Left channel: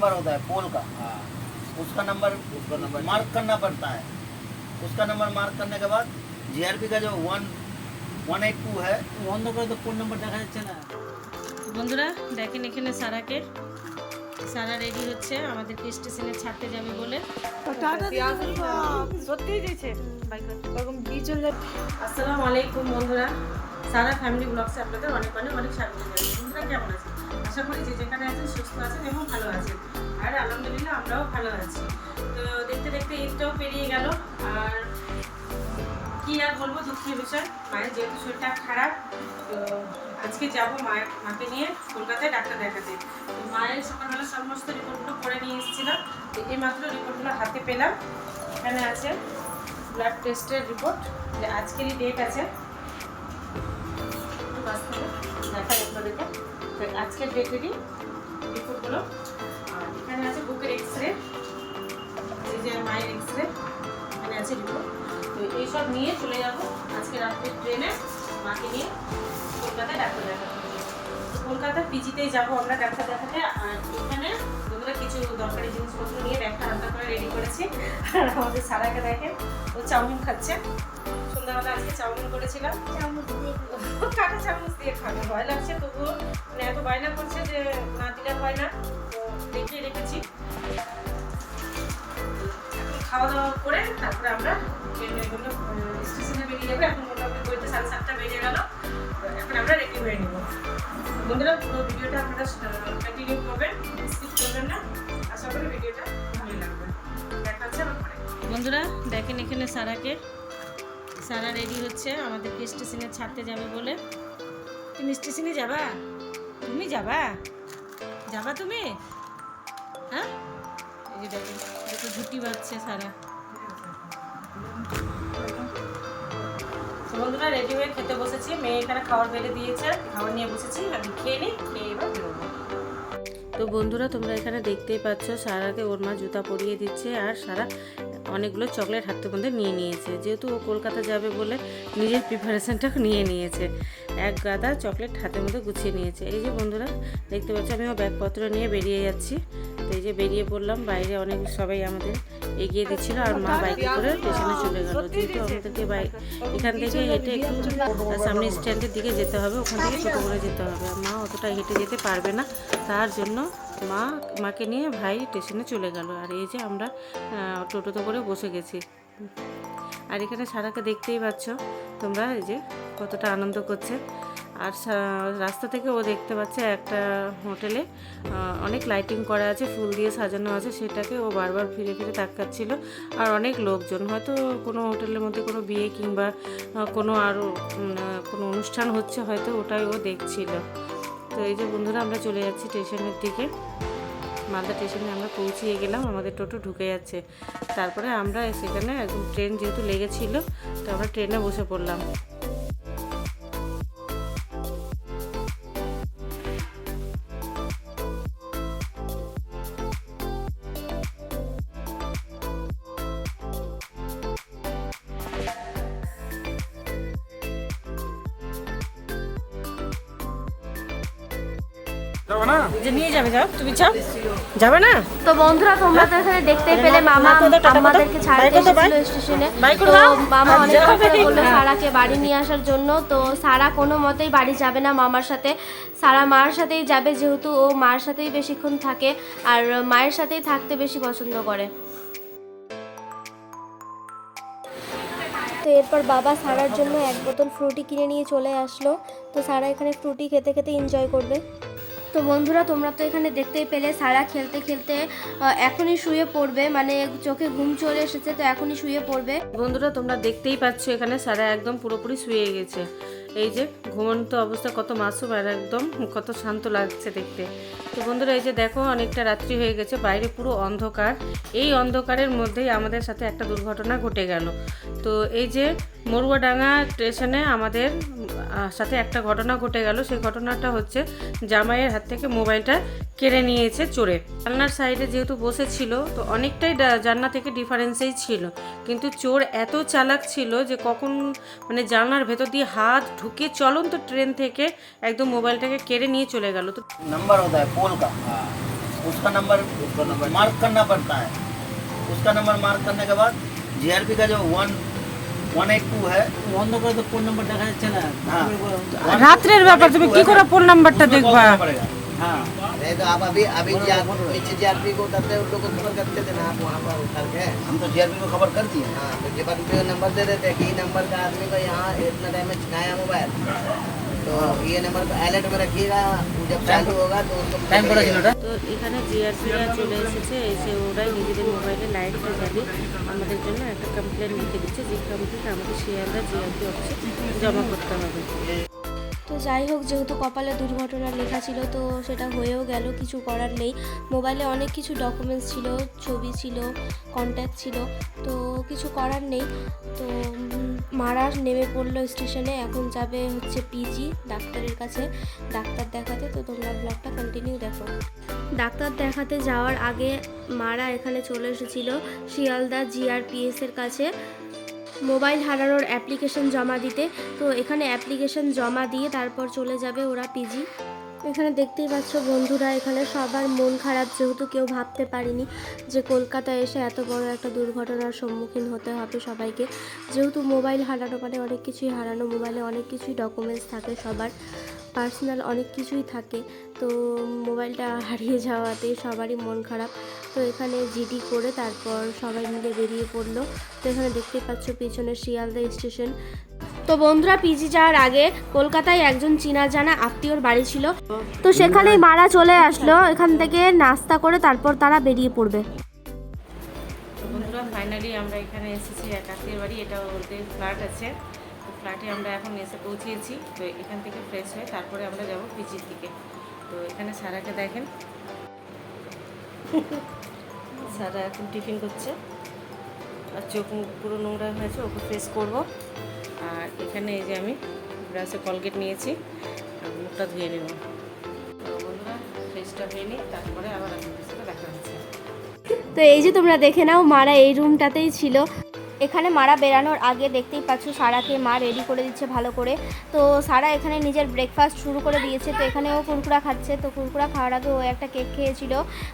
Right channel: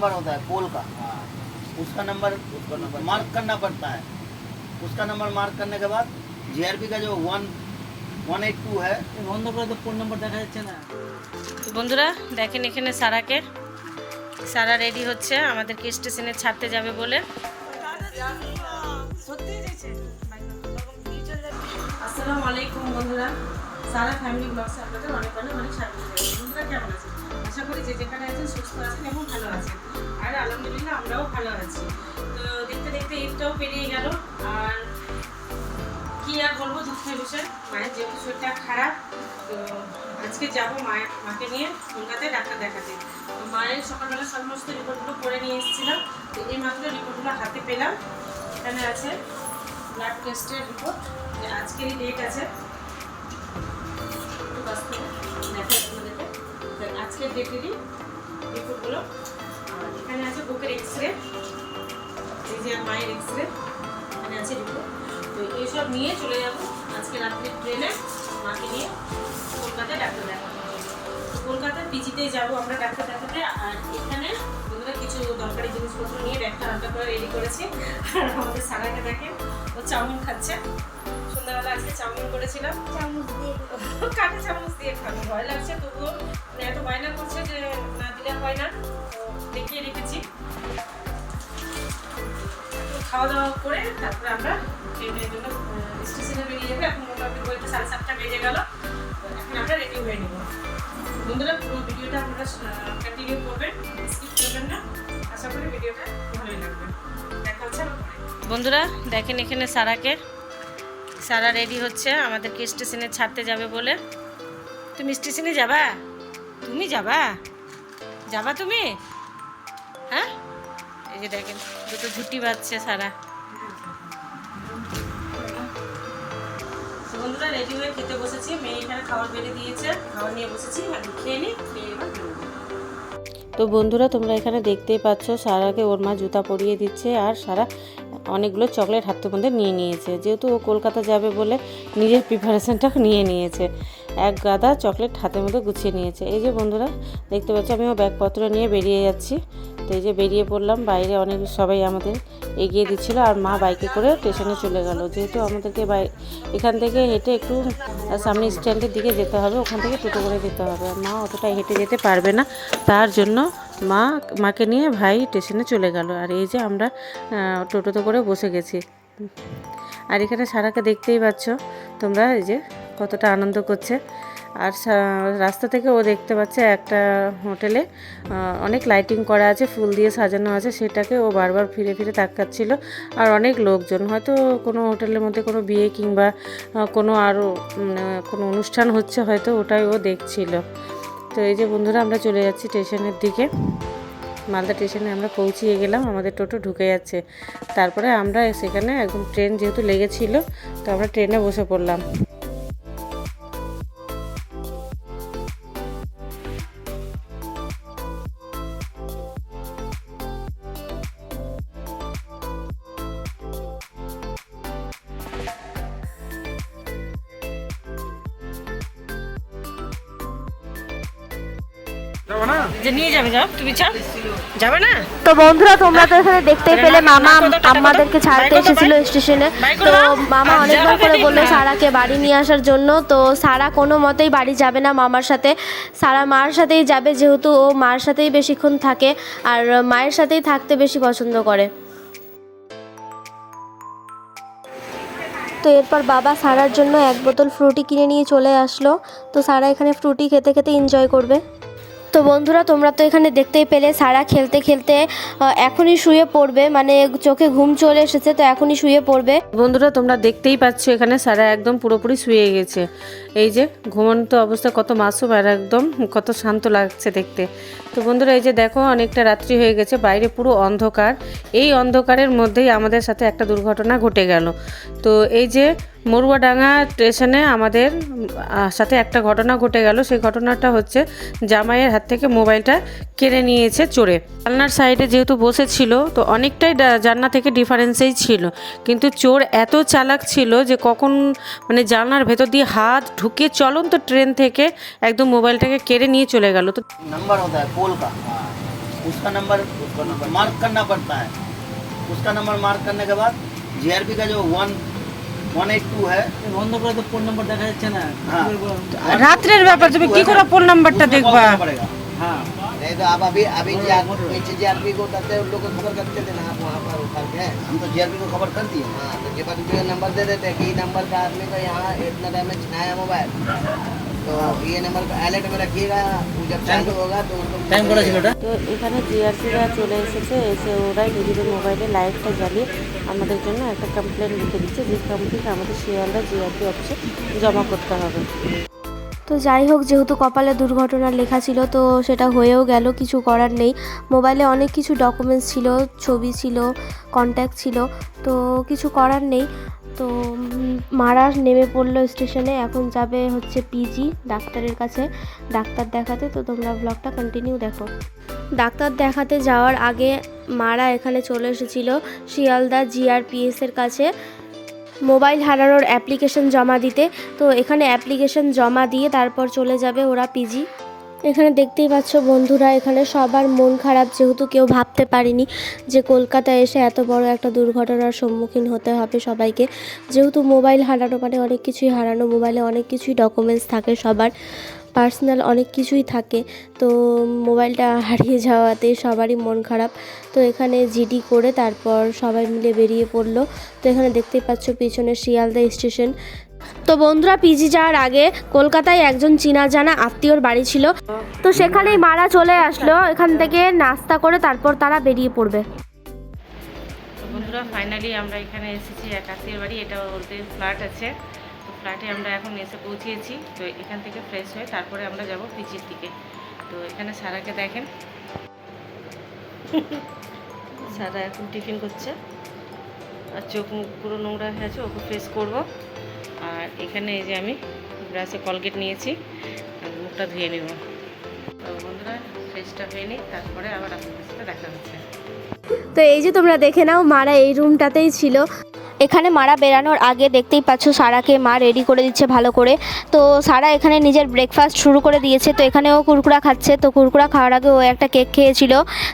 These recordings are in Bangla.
नंबर होता है पोल का हाँ उसका नंबर उसका नंबर मार्क करना पड़ता है उसका नंबर मार्क करने के बाद जीआरपी का जो वन वन एट टू है বন্ধ করে তো ফোন নাম্বার দেখা যাচ্ছে না তো বন্ধুরা দেখেন এখানে সারাকে সারা রেডি হচ্ছে আমাদেরকে স্টেশনে ছাড়তে যাবে বলে সত্যি দিয়েছে আসসালামু আলাইকুম বন্ধুরা সারা ফ্যামিলি ব্লগসে আপনাদের অনেক অনেক অনেক স্বাগত যে যেখানে আছেন, সুস্থ আছেন এবং ভালো আছেন। আর আলহামদুলিল্লাহ আমরাও ভালো আছি। তো দেখতে দেখতে ঈদটাও পেরিয়ে গেল। আর কি আর বলব, দুঃখের বিষয়। মায়ের যেহেতু শরীরটা খারাপ, তো আজকে যাব মায়ের, মাকে নিয়ে কলকাতায় ডাক্তার দেখাতে। মায়ের সকালবেলা সমস্ত রিপোর্টগুলো করে নিয়ে এসেছিলাম। তো এই মাত্র রিপোর্টগুলো হাতে পেলাম। এখানে আছে ব্লাড টেস্টের রিপোর্ট। আজকেরই ডেট আছে। তো আজকের ডেটেরই রিপোর্টগুলো এখানে আছে বুকের এক্স রে এই যে মায়ের এক্স রে এখানে আছে রিপোর্ট তো এইসব নিয়ে চলে যাব আজকে রাত্রে ট্রেনে, মাকে নিয়ে কলকাতায় ডাক্তার দেখাতে। কলকাতা পিজিতেই যাব আমরা ডাক্তার দেখাতে। আর এখানে বন্ধুরা কিছু দরকারি জিনিসপত্র নিয়ে ব্যাগটা হালকা করে রেডি করেছি। আর আমাদের সারাকে দেখে ও চাউমিন খাচ্ছে। সন্ধ্যাবেলা আজকে চাউমিন করেছিলাম। কাটা চামচ দিয়ে খাবে, ভয় লাগছে, তবুও মানে এত বায়না করছে যে না দিলে হয় না। তো দেখিয়ে রেখেছি। খাওয়া দাওয়া করে তারপরে আমরা ট্রেনের জন্য স্টেশনে বেরিয়ে যাব। এখন মোটামুটি বইতে সাড়ে সাতটা বেজে গেল। এখন আমরা রেডি হয়ে নিব। বন্ধুরা, পুরো ভিডিওটা আপনারা কন্টিনিউ করবেন স্কিপ করবেন না। আশা করি ভিডিওটা ভালোই লাগবে। দেখা হচ্ছে বন্ধুরা, দেখেন এখানে সারাকে। সারা রেডি হচ্ছে, আমাদেরকে স্টেশনে ছাড়তে যাবে বলে। তুমি স্টেশনে যাবা? তুমি যাবা? যাবা তুমি? হ্যাঁ? এই যে দেখেন, দুটো ঝুটি বাজছে সারা। বন্ধুরা, রেডি হয়ে খেতে বসেছি। মেয়ে এখানে খাবার বেড়ে দিয়েছে খাবার নিয়ে বসেছি খেয়ে নিই, খেয়ে এবার বেরোবো। তো বন্ধুরা, তোমরা এখানে দেখতেই পাচ্ছ, সারাকে ওর মা জুতা পরিয়ে দিচ্ছে, আর সারা অনেকগুলো চকলেট হাতে মধ্যে নিয়ে নিয়েছে। যেহেতু ও কলকাতা যাবে বলে নিজের প্রিপারেশানটা নিয়ে নিয়েছে, এক গাদা চকলেট হাতের মধ্যে গুছিয়ে নিয়েছে। এই যে বন্ধুরা, দেখতে পাচ্ছি আমি ও ব্যাগপত্র নিয়ে বেরিয়ে যাচ্ছি। তো এই যে বেরিয়ে পড়লাম, বাইরে অনেক সবাই আমাদের এগিয়ে দিচ্ছিল আর মা বাইকে করে স্টেশনে চলে গেল। যেহেতু আমাদেরকে বাই, এখান থেকে হেঁটে একটু সামনে স্ট্যান্ডের দিকে যেতে হবে, ওখান থেকে টোটো করে যেতে হবে। আর মা অতটা হেঁটে যেতে পারবে না, তার জন্য মা, মাকে নিয়ে ভাই স্টেশনে চলে গেল। আর এই যে আমরা টোটোতে করে বসে গেছি। আর এখানে সারাকে দেখতেই পাচ্ছ, তোমরা এই যে কতটা আনন্দ করছে। আর রাস্তা থেকে ও দেখতে পাচ্ছে একটা হোটেলে অনেক লাইটিং করা আছে, ফুল দিয়ে সাজানো আছে, সেটাকে ও বারবার ফিরে ফিরে তাকাচ্ছিল। আর অনেক লোকজন, হয়তো কোনো হোটেলের মধ্যে কোনো বিয়ে কিংবা কোনো আরও কোনো অনুষ্ঠান হচ্ছে, হয়তো ওটাই ও দেখছিল। তো এই যে বন্ধুরা, আমরা চলে যাচ্ছি স্টেশনের দিকে। মালদা স্টেশনে আমরা পৌঁছিয়ে গেলাম, আমাদের টোটো ঢুকে যাচ্ছে। তারপরে আমরা সেখানে একদম ট্রেন যেহেতু লেগেছিল, তো আমরা ট্রেনে বসে পড়লাম। যে নিয়ে যাবে যাও। তুমি চাও? যাবে না? তো বন্ধুরা তোমরা তো এখানে দেখতেই পেলে মামা না, কোথাও টাটা আমাদেরকে ছাড়তে এসেছিল স্টেশনে। তো মামা আর করে বলল সারাকে বাড়ি নিয়ে আসার জন্য। তো সারা কোনো মতেই বাড়ি যাবে না মামার সাথে। সারা মার সাথেই যাবে যেহেতু ও মার সাথেই বেশিক্ষণ থাকে। আর মায়ের সাথেই থাকতে বেশি পছন্দ করে। তো এরপর বাবা সারার জন্য এক বোতল ফ্রুটি কিনে নিয়ে চলে আসলো। তো সারা এখানে ফ্রুটি খেতে খেতে এনজয় করবে। তো বন্ধুরা, তোমরা তো এখানে দেখতেই পেলে, সারা খেলতে খেলতে এখনই শুয়ে পড়বে। মানে চোখে ঘুম চলে এসেছে, তো এখনই শুয়ে পড়বে। বন্ধুরা, তোমরা দেখতেই পাচ্ছ এখানে সারা একদম পুরোপুরি শুয়ে গেছে। এই যে, ঘুমন্ত অবস্থা, কত মাসুম আর একদম কত শান্ত লাগছে দেখতে। তো বন্ধুরা, এই যে দেখো, অনেকটা রাত্রি হয়ে গেছে, বাইরে পুরো অন্ধকার। এই অন্ধকারের মধ্যেই আমাদের সাথে একটা দুর্ঘটনা ঘটে গেল। তো এই যে মরুয়াডাঙ্গা স্টেশনে আমাদের আহ, সাথে একটা ঘটনা ঘটে গেল সেই ঘটনাটা হচ্ছে জামাইয়ের হাত থেকে মোবাইলটা কেড়ে নিয়েছে চোরে জানলার সাইডে যেহেতু বসেছিল তো অনেকটাই ডা- জানলা থেকে ডিফারেন্সেই ছিল কিন্তু চোর এত চালাক ছিল যে কখন মানে জানলার ভেতর দিয়ে হাত ঢুকে চলন্ত ট্রেন থেকে একদম মোবাইলটাকে কেড়ে নিয়ে চলে গেল তো नंबर होता है पोल का हाँ उसका नंबर मार्क करना पड़ता है उसका नंबर मार्क करने के बाद जीआरपी का जो वन রাত্রের ব্যাপার তুমি কি করে ফোন নাম্বারটা उसको দেখবা call करना पड़ेगा হ্যাঁ नहीं तो आप अभी अभी नीचे जीआरपी को करते हैं उन लोग को खबर करते थे ना आप वहाँ पर उतर के हम तो जीआरपी को खबर कर दिए हाँ तो जब आदमी को नंबर दे देते कि नंबर का आदमी का यहाँ इतना डैमेज नया मोबाइल तो ये नंबर को अलर्ट में रखिएगा वो जब चालू होगा तो उसको টাইম করেছিল ওটা তো এখানে জিআরপিরা চলে এসেছে এসে ওরাই নিজেদের মোবাইলে লাইটটা জ্বালিয়ে আমাদের জন্য একটা কমপ্লেন লিখে দিচ্ছে যে কমপ্লেন আমাদের শিয়ালদা জিআরপি অফিসে জমা করতে হবে তো যাই হোক, যেহেতু কপালে দুর্ঘটনা লেখা ছিল, তো সেটা হয়েও গেল, কিছু করার নেই। মোবাইলে অনেক কিছু ডকুমেন্টস ছিল, ছবি ছিল কন্ট্যাক্ট ছিল, তো কিছু করার নেই। তো মারা নেমে পড়ল স্টেশনে, এখন যাবে হচ্ছে পিজি ডাক্তারের কাছে। ডাক্তার দেখাতে, তো তোমরা ব্লগটা কন্টিনিউ দেখো। ডাক্তার দেখাতে যাওয়ার আগে মারা এখানে চলে এসেছিল, শিয়ালদা জিআরপিএস এর কাছে। মোবাইল হারানোর অ্যাপ্লিকেশন জমা দিতে। তো এখানে অ্যাপ্লিকেশন জমা দিয়ে তারপর চলে যাবে ওরা পিজি। এখানে দেখতেই পাচ্ছ বন্ধুরা, এখানে সবার মন খারাপ যেহেতু কেউ ভাবতে পারেনি যে কলকাতায় এসে এত বড় একটা দুর্ঘটনার সম্মুখীন হতে হবে সবাইকে। যেহেতু মোবাইল হারানো মানে অনেক কিছুই হারানো, মোবাইলে অনেক কিছুই ডকুমেন্টস থাকে সবার। পার্সোনাল অনেক কিছুই থাকে। তো মোবাইলটা হারিয়ে যাওয়াতে সবারই মন খারাপ। তো এখানে জিডি করে তারপর সবাই মিলে বেরিয়ে পড়ল। তো এখানে দেখতেই পাচ্ছ পিছনে শিয়ালদা স্টেশন। তো বন্ধুরা, পিজি যাওয়ার আগে কলকাতায় একজন চীনা জানা আত্মীয়র বাড়ি ছিল। তো সেখানেই মারা চলে আসলো। এখান থেকে নাস্তা করে তারপর তারা বেরিয়ে পড়বে। বন্ধুরা ফাইনালি আমরা এখানে এসেছি। এক আত্মীয়ের বাড়ি এটা বলতে ফ্ল্যাট আছে। ফ্ল্যাটে আমরা এখন এসে পৌঁছিয়েছি তো এখান থেকে ফ্রেশ হয়ে তারপরে আমরা যাব পিচির দিকে। তো এখানে সারাকে দেখেন। সারা এখন টিফিন করছে। আর চোখ মুখ পুরো নোংরা হয়েছে ওকে ফ্রেশ করব। আর এখানে এই যে আমি ব্রাশে কলগেট নিয়েছি আর মুখটা ধুয়ে নেব। তো বন্ধুরা ফ্রেশটা হয়ে নিই তারপরে আবার আপনাদের সাথে দেখা হচ্ছে। তো এই যে তোমরা দেখে নাও মারা এই রুমটাতেই ছিল। এখানে মারা বেরানোর আগে দেখতেই পাচ্ছ সারাকে মা রেডি করে দিচ্ছে ভালো করে। তো সারা এখানে নিজের ব্রেকফাস্ট শুরু করে দিয়েছে। তো এখানেও কুরকুরা খাচ্ছে। তো কুরকুরা খাওয়ার আগে ও একটা কেক খেয়েছিল।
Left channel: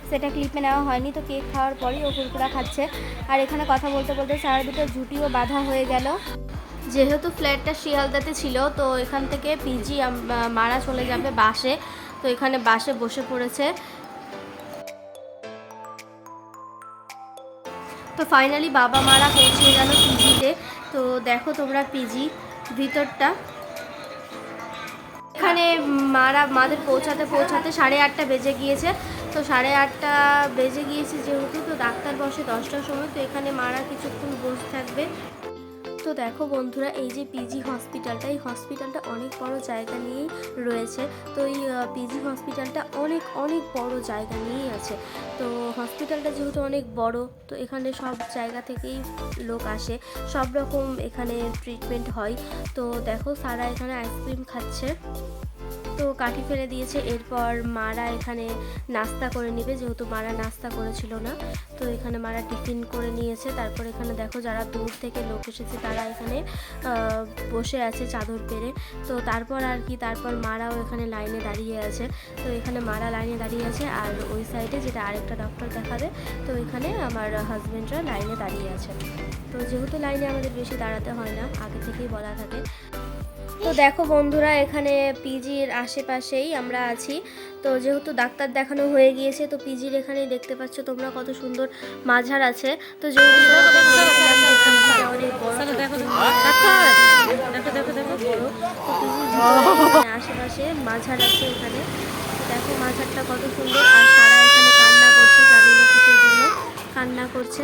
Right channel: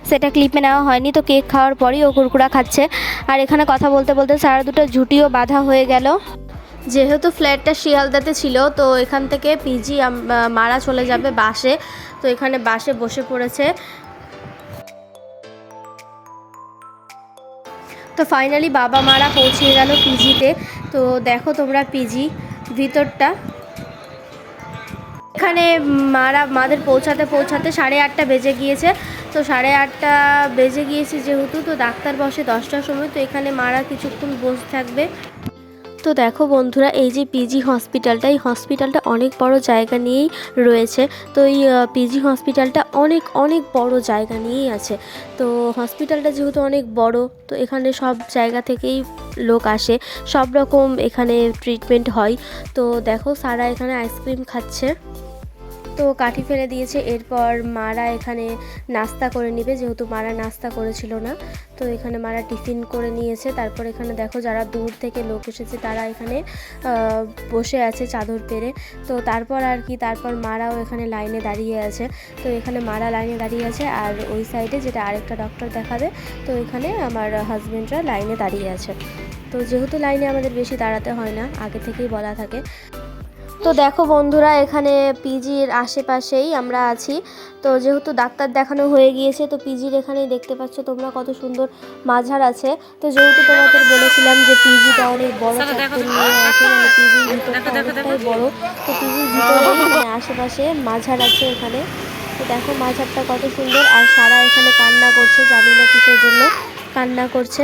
সেটা ক্লিপে নেওয়া হয়নি। তো কেক খাওয়ার পরই ও কুরকুরা খাচ্ছে। আর এখানে কথা বলতে বলতে সারা দুটো ঝুটিও বাঁধা হয়ে গেল। যেহেতু ফ্ল্যাটটা শিয়ালদাতে ছিল, তো এখান থেকে পিজি মারা চলে যাবে বাসে। তো এখানে বাসে বসে পড়েছে। তো ফাইনালি বাবা মারা পৌঁছে গেল পিজিতে। তো দেখো তোমরা পিজি ভিতরটা। এখানে মারা মাদের পৌঁছাতে পৌঁছাতে সাড়ে আটটা বেজে গিয়েছে। তো সাড়ে আটটা বেজে গিয়েছে যেহেতু, তো ডাক্তার বসে দশটার সময়। তো এখানে মারা কিছুক্ষণ বসে থাকবে। তো দেখো বন্ধুরা, এই যে পিজি হসপিটালটা এই হসপিটালটা অনেক বড় জায়গা নিয়েই রয়েছে। তো এই পিজি হসপিটালটা অনেক অনেক বড় জায়গা নিয়েই আছে। তো হসপিটালটা যেহেতু অনেক বড়, তো এখানে সব জায়গা থেকেই লোক আসে। সব রকম এখানে ট্রিটমেন্ট হয়। তো দেখো সারা এখানে আইসক্রিম খাচ্ছে। তো কাঠি ফেলে দিয়েছে। এরপর মারা এখানে নাস্তা করে নেবে, যেহেতু মারা নাস্তা করেছিল না। তো এখানে মারা টিফিন করে নিয়েছে। তারপর এখানে দেখো যারা দূর থেকে লোক এসেছে, তারা এখানে বসে আছে চাদর পেরে। তো তারপর আর কি, তারপর মারাও এখানে লাইনে দাঁড়িয়ে আছে। তো এখানে মারা লাইনে দাঁড়িয়ে আছে আর ওই সাইডে যেটা আরেকটা ডক্টর দেখাবে, তো এখানে আমার হাজব্যান্ডরা লাইনে দাঁড়িয়ে আছে। তো যেহেতু লাইনে আমাদের বেশি দাঁড়াতে হয় না, আগে থেকেই বলা থাকে। তো দেখো বন্ধুরা এখানে পিজির আশেপাশেই আমরা আছি। তো যেহেতু ডাক্তার দেখানো হয়ে গিয়েছে তো পিজির এখানে দেখতে পাচ্ছ তোমরা কত সুন্দর মাঝার আছে। তো যেহেতু তোমাদের বলেছিলাম যে পিজিটা অনেক বড় বড়। তো পিজির আশেপাশে মাঝার আছে এখানে। তো দেখো মাঝারটা কত সুন্দর। আর সারা এখানে কান্না করছে জানি না কিসের জন্য কান্না করছে।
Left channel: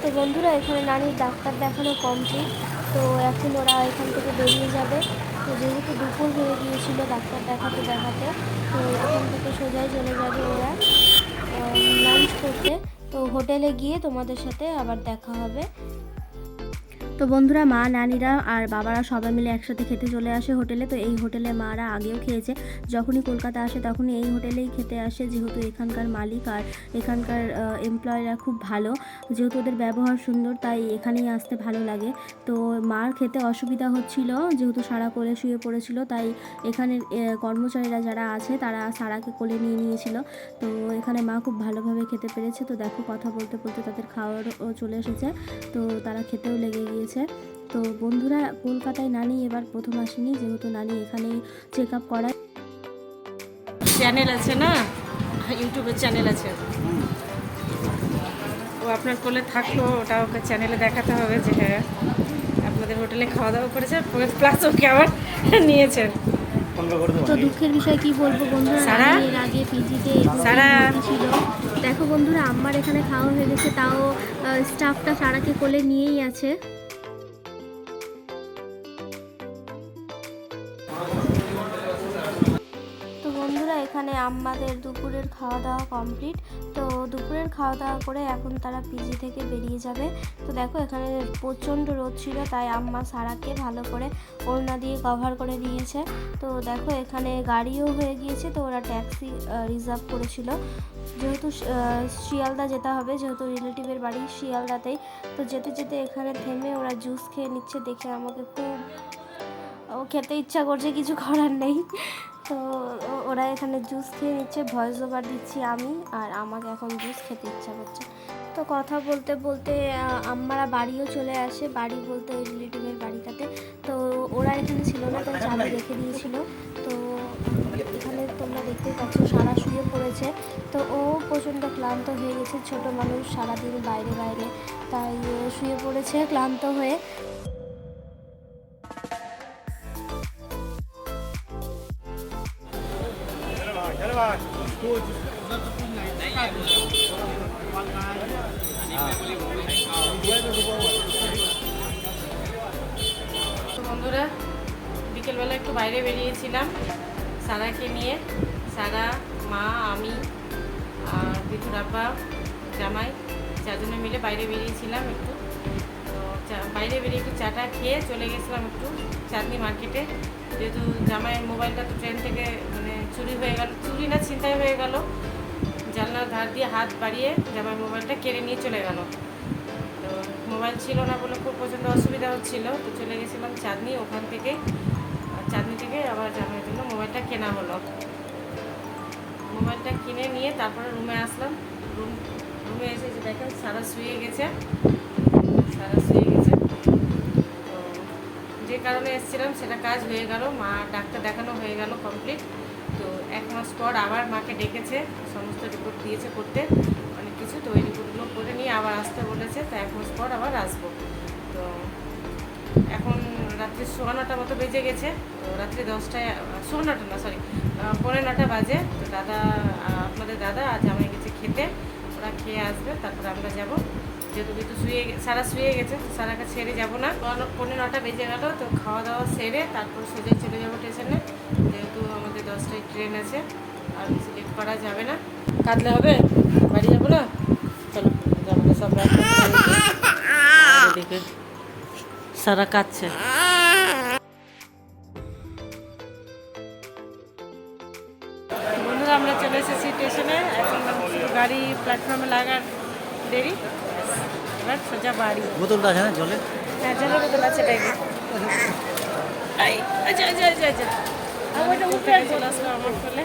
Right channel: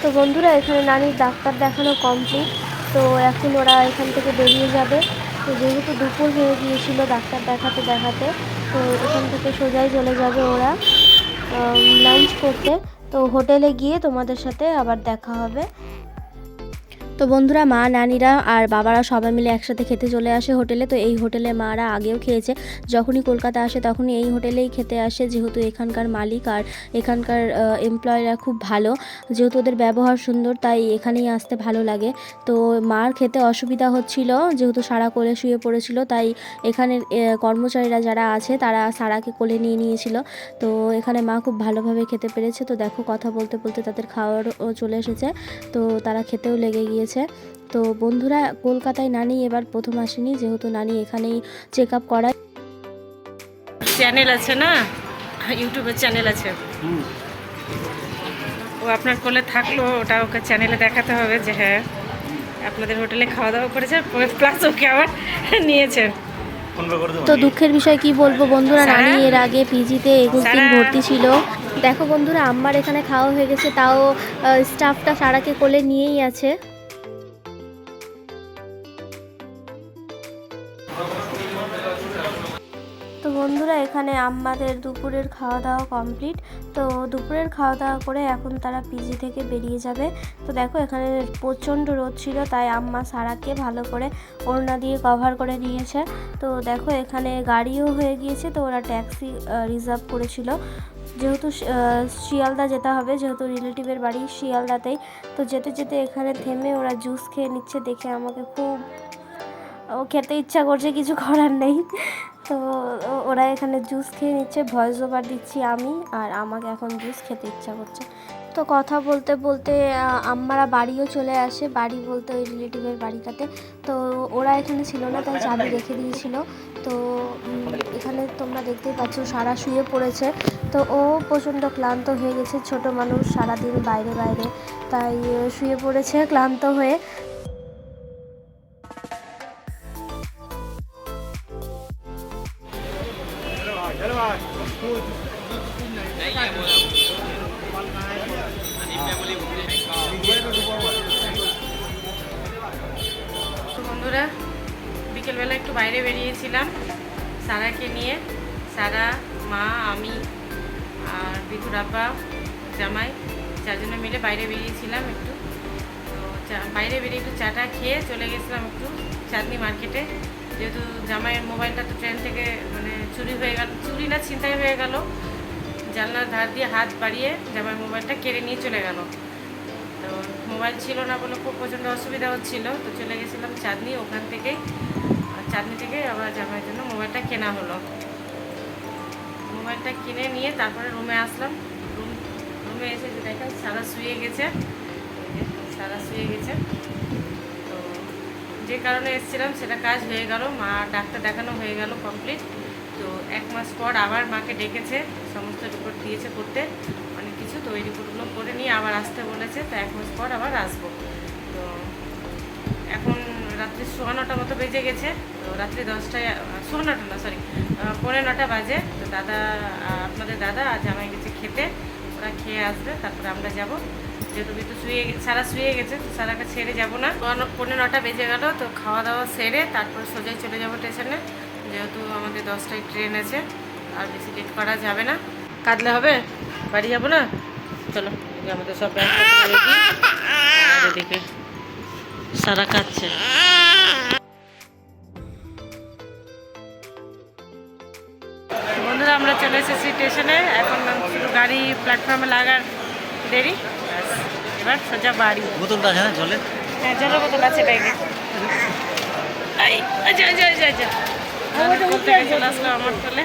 তো বন্ধুরা এখানে নানির ডাক্তার দেখানো কমপ্লিট তো এখন ওরা এখান থেকে বেরিয়ে যাবে। তো যেহেতু দুপুর হয়ে গিয়েছিল ডাক্তার দেখাতে দেখাতে, তো এখান থেকে সোজাই চলে যাবে ওরা লাঞ্চ করতে। তো হোটেলে গিয়ে তোমাদের সাথে আবার দেখা হবে। তো বন্ধুরা, মা, নানিরা আর বাবারা সবাই মিলে একসাথে খেতে চলে আসে হোটেলে। তো এই হোটেলে মারা আগেও খেয়েছে। যখনই কলকাতা আসে তখনই এই হোটেলেই খেতে আসে। যেহেতু এখানকার মালিক আর এখানকার এমপ্লয়িরা খুব ভালো। যেহেতু ওদের ব্যবহার সুন্দর, তাই এখানেই আসতে ভালো লাগে। তো মার খেতে অসুবিধা হচ্ছিল, যেহেতু সারা কোলে শুয়ে পড়েছিল, তাই এখানের কর্মচারীরা যারা আছে তারা সারাকে কোলে নিয়ে নিয়েছিল। তো এখানে মা খুব ভালোভাবে খেতে পেরেছে। তো দেখো, কথা বলতে বলতে তাদের খাওয়ারও চলে এসেছে। তো তারা খেতেও লেগে গিয়েছে। তো বন্ধুরা কলকাতায় নানি এবার প্রথম আসেনি যেহেতু নানি এখানেই চেক আপ করায়। চ্যানেল আছে না? ইউটিউবের চ্যানেল আছে। ও আপনার কোলে থাকল ওটা ওকে চ্যানেলে দেখাতে হবে যে হ্যাঁ আপনাদের হোটেলে খাওয়া দাওয়া করেছে প্লাস ওকে আবার নিয়েছেন তো দুঃখের বিষয় কি বলব বন্ধুরা? নানি এর আগে পিজিতে একুশ সারা? ভর্তি ছিল। দেখো বন্ধুরা আমার এখানে খাওয়া হয়ে গেছে তাও স্টাফটা সারাকে কোলে নিয়েই আছে। বন্ধুরা, এখানে আমাদের দুপুরের খাওয়া দাওয়া কমপ্লিট তো দুপুরের খাওয়া দাওয়া করে এখন তারা পিজি থেকে বেরিয়ে যাবে। তো দেখো, এখানে প্রচণ্ড রোদ ছিল, তাই আম্মা সারাকে ভালো করে ওড়না দিয়ে কভার করে নিয়েছে। তো দেখো, এখানে গাড়িও হয়ে গিয়েছে, তো ওরা ট্যাক্সি রিজার্ভ করেছিল। যেহেতু শিয়ালদা যেতে হবে, যেহেতু রিলেটিভের বাড়ি শিয়ালদাতেই। তো যেতে যেতে এখানে থেমে ওরা জুস খেয়ে নিচ্ছে, দেখে আমাকে খুব, ও খেতে ইচ্ছা করছে, কিছু করার নেই। তো ওরা এখানে জুস খেয়ে নিচ্ছে ভয়েস ওভার দিচ্ছি আমি আর আমাকে এখন জুস খেতে ইচ্ছা করছে। তো কথা বলতে বলতে আহ, আম্মারা বাড়িও চলে আসে বাড়ি বলতে ওই রিলেটিভের বাড়িটাতে। তো ওরা এখানে ছিল না তাই চাবি রেখে দিয়েছিল। তো এখানে তোমরা দেখতেই পাচ্ছ সারা শুয়ে পড়েছে। তো ও প্রচণ্ড ক্লান্ত হয়ে গেছে ছোট মানুষ সারাদিন বাইরে বাইরে। তাই শুয়ে পড়েছে ক্লান্ত হয়ে। বন্ধুরা, বিকেলবেলা একটু বাইরে বেরিয়েছিলাম সারাকে নিয়ে। সারা, মা, আমি আর বিধুর আব্বা, জামাই চারজনে মিলে বাইরে বেরিয়েছিলাম একটু। তো বাইরে বেরিয়ে একটু চাটা খেয়ে চলে গেছিলাম একটু চাঁদনি মার্কেটে। যেহেতু জামাইয়ের মোবাইলটা তো ট্রেন থেকে মানে চুরি হয়ে গেল, চুরি না ছিনতাই হয়ে গেল, জানলার ধার দিয়ে হাত বাড়িয়ে জামাই মোবাইলটা কেড়ে নিয়ে চলে গেল। তো মোবাইল ছিল না বলে খুব প্রচণ্ড অসুবিধা হচ্ছিল, তো চলে গেছিলাম চাঁদনি, ওখান থেকেই চাঁদনি থেকে আবার জামাইয়ের জন্য মোবাইলটা কেনা হলো। মোবাইলটা কিনে নিয়ে তারপরে রুমে আসলাম, রুম, রুমে এসে যে দেখেন সারা শুয়ে গেছে সারা শুয়ে গেছে। যে কারণে এসেছিলাম, সেটা কাজ হয়ে গেল। মা ডাক্তার দেখানো হয়ে গেল কমপ্লিট তো এক মাস পর আবার মাকে ডেকেছে, সমস্ত রিপোর্ট দিয়েছে করতে, অনেক কিছু। তো ওই রিপোর্টগুলো করে নিয়ে আবার আসতে বলেছে, তো এক মাস পর আবার আসব। তো এখন রাত্রি সোয়া নটা মতো বেজে গেছে। তো রাত্রি দশটায় সোয়া নটা না সরি পনেরো নটা বাজে। তো দাদা আপনাদের দাদা আজ আমায় গেছে খেতে। ওরা খেয়ে আসবে, তারপরে আমরা যাব। যেহেতু কিন্তু শুয়ে সারা শুয়ে গেছে, সারাকে ছেড়ে যাব না। পৌনে নটা বেজে গেল, তো খাওয়া দাওয়া সেরে তারপর সোজাই চলে যাব স্টেশনে। যেহেতু আমাদের দশটায় ট্রেন আছে, আর বেশি লেট করা যাবে না। কাটলে হবে? বাড়ি যাব না? চলো আমাদের সব এদিকে সারা কাটছে বন্ধুরা, আমরা চলে এসেছি স্টেশনে। এখন শুধু গাড়ি প্ল্যাটফর্মে লাগার দেরি। ব্যাস, এবার সোজা বাড়ি। বোতলটা হ্যাঁ জলে হ্যাঁ জলের বোতল আছে ব্যাগে আচ্ছা আচ্ছা আচ্ছা আচ্ছা কোল থেকে চলে আসলো আমার কোলে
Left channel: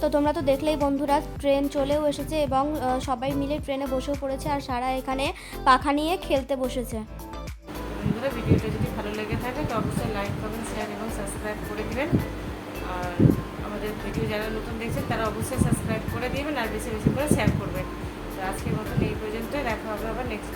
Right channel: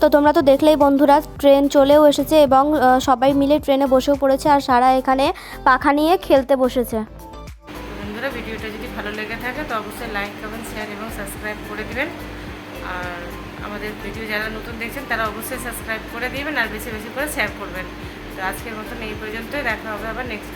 তো তোমরা তো দেখলেই বন্ধুরা ট্রেন চলেও এসেছে এবং সবাই মিলে ট্রেনে বসেও পড়েছে আর সারা এখানে পাখা নিয়ে খেলতে বসেছে। বন্ধুরা, ভিডিওটা যদি ভালো লেগে থাকে, তো অবশ্যই লাইক কমেন্ট শেয়ার এবং সাবস্ক্রাইব করে দিবেন। আর আমাদের ভিডিও যারা নতুন দেখছেন, তারা অবশ্যই সাবস্ক্রাইব করে দিবেন আর বেশি বেশি করে শেয়ার করবেন। তো আজকের মতন এই পর্যন্তই। দেখা হবে আবার নেক্সট